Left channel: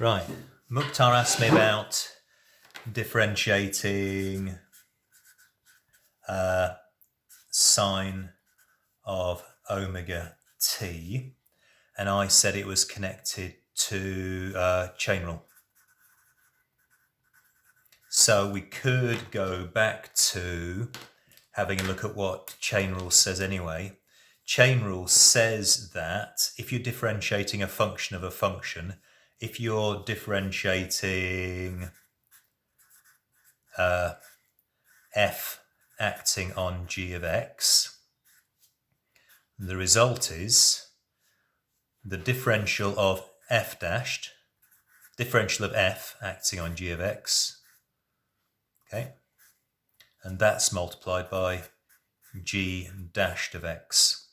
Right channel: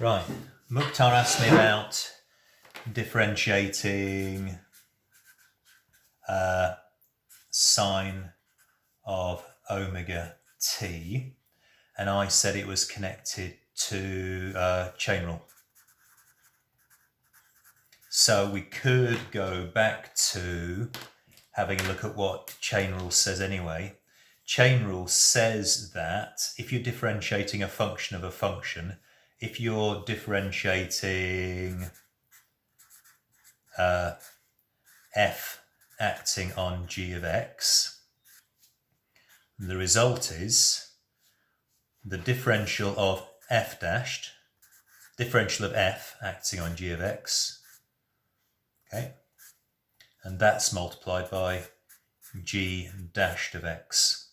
Right, Mukhtar asked me about differentiating sine of omega t, and I said it was connected to chain rule. So we could go back to having a look at what chain rule says anyway. Chain rule says that if you're differentiating a function of a function, if you're differentiating f acting on g of x, the result is the differential of f dashed, differential of f acting on g of x, okay, and that's multiplied by g dashed of x.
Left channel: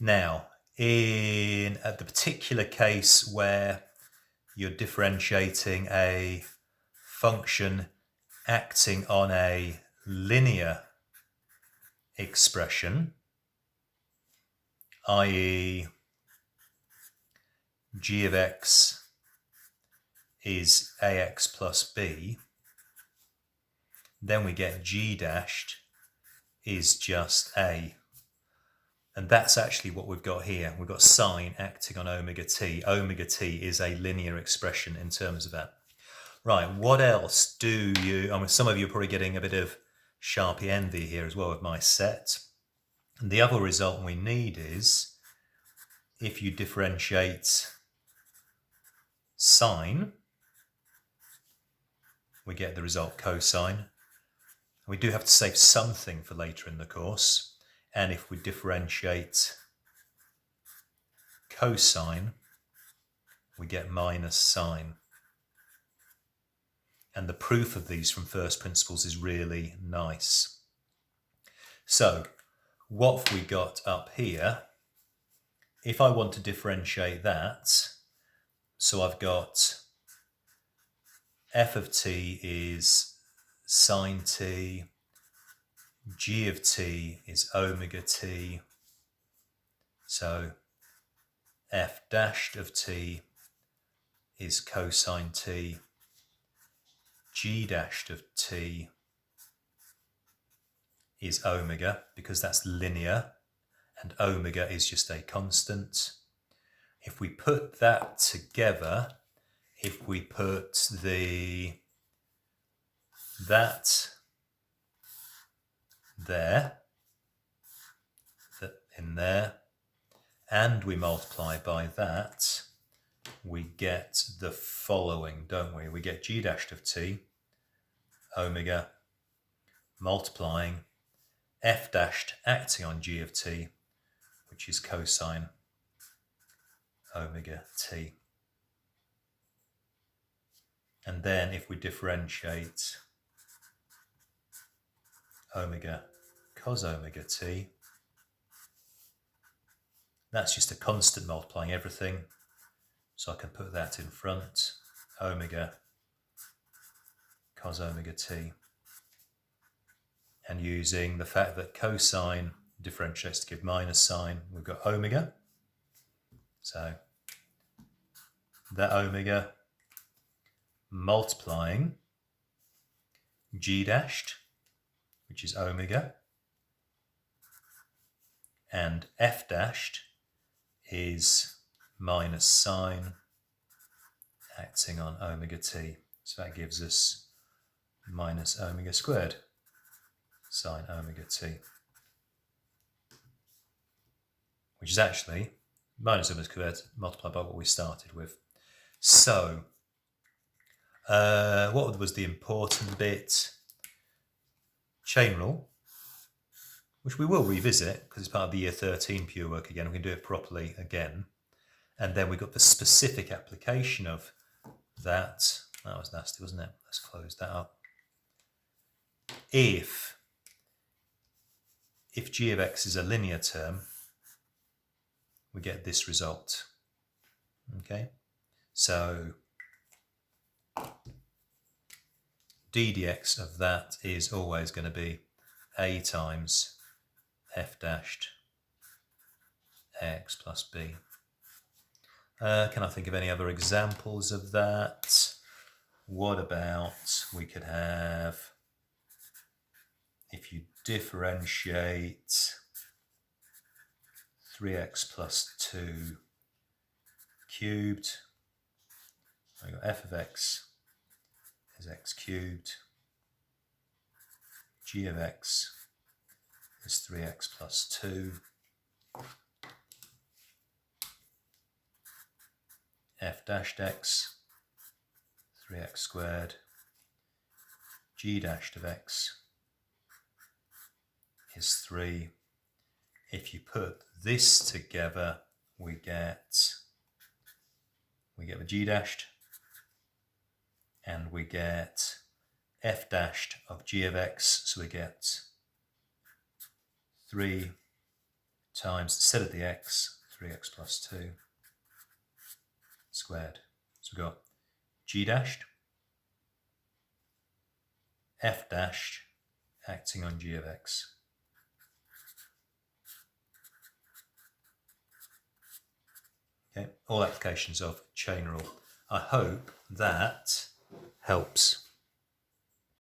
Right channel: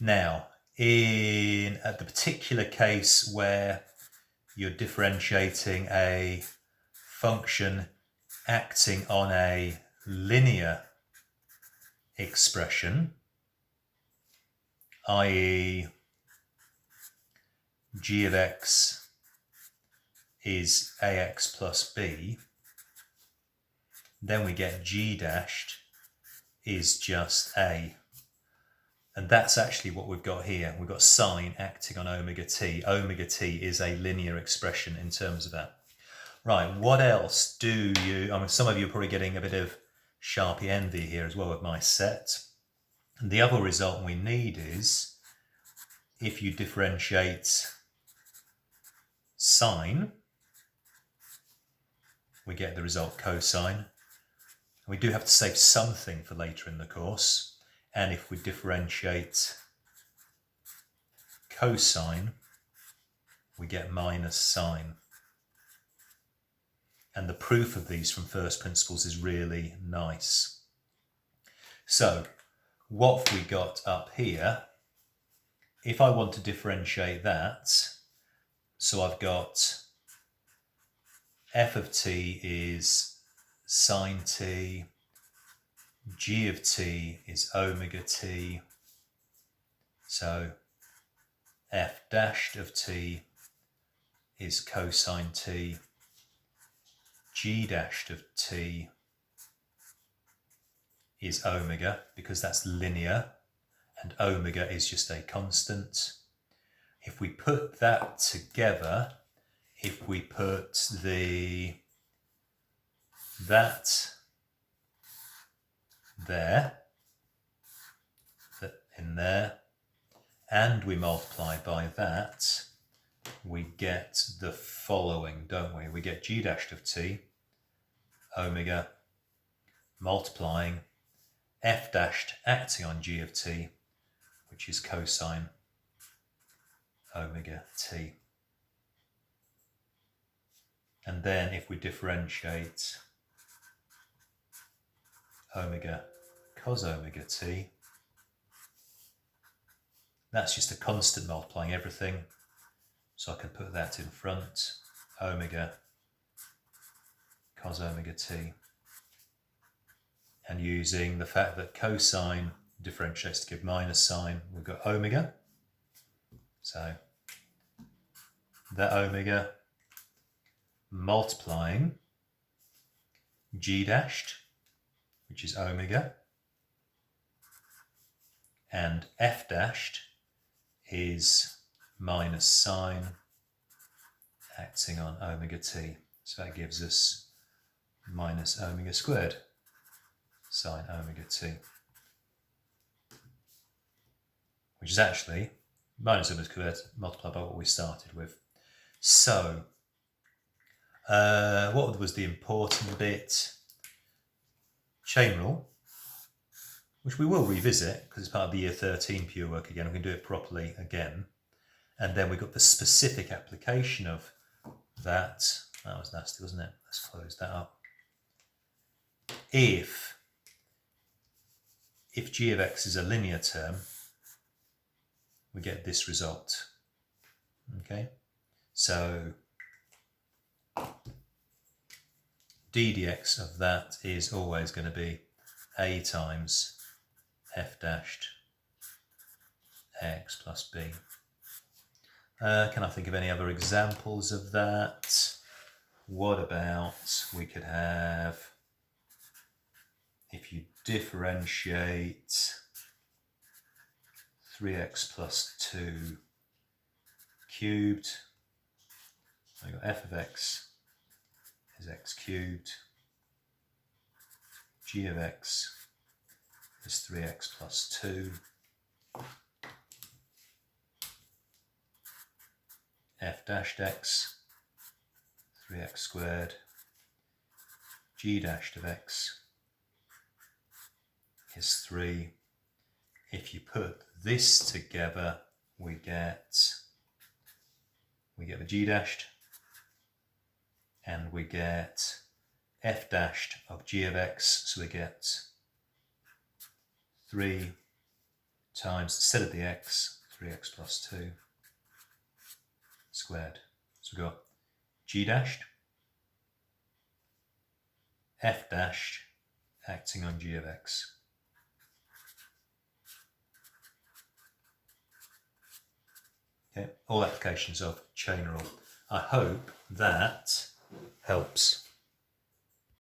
Now, in the particular case where you're differentiating a function acting on a linear expression, i.e. g of x is ax plus b, then we get g dashed is just a. And that's actually what we've got here. We've got sine acting on omega t. Omega t is a linear expression in terms of that. Right, what else do you... I mean, some of you are probably getting a bit of Sharpie envy here as well with my set. And the other result we need is if you differentiate sine, we get the result cosine. We do have to save something for later in the course. And if we differentiate cosine, we get minus sine. And the proof of these from first principles is really nice. So, what have we got up here? If I want to differentiate that, so I've got f of t is sine t, g of t is omega t, so f dashed of t is cosine t, g dashed of t is omega, because that's linear, and omega is just a constant. If we put that together, if we put that there, in there, and we multiply by that, we get the following, don't we? We get g dashed of t, omega, multiplying f dashed acting on g of t, which is cosine omega t. And then if we differentiate omega cos omega t, that's just a constant multiplying everything, so I can put that in front, omega cos omega t, and using the fact that cosine differentiates to give minus sine, we've got omega, so that omega multiplying g dashed, which is omega, and f dashed is minus sine acting on omega t. So that gives us minus omega squared sine omega t, which is actually minus omega squared multiplied by what we started with. So, what was the important bit? Chain rule, which we will revisit because it's part of the year 13 pure work again. We can do it properly again. And then we've got the specific application of that. That was nasty, wasn't it? Let's close that up. If g of x is a linear term, we get this result. Okay, so d dx of that is always going to be a times f dashed ax plus b. Can I think of any other examples of that? What about we could have, if you differentiate 3x plus 2 cubed, I've got f of x is x cubed, g of x is 3x plus 2, f dashed x, 3x squared, g dashed of x is 3. If you put this together, we get the g dashed, and we get f dashed of g of x, so we get 3 times, instead of the x, 3x plus 2 squared. So we've got g dashed, f dashed acting on g of x. Okay, all applications of chain rule. I hope that helps.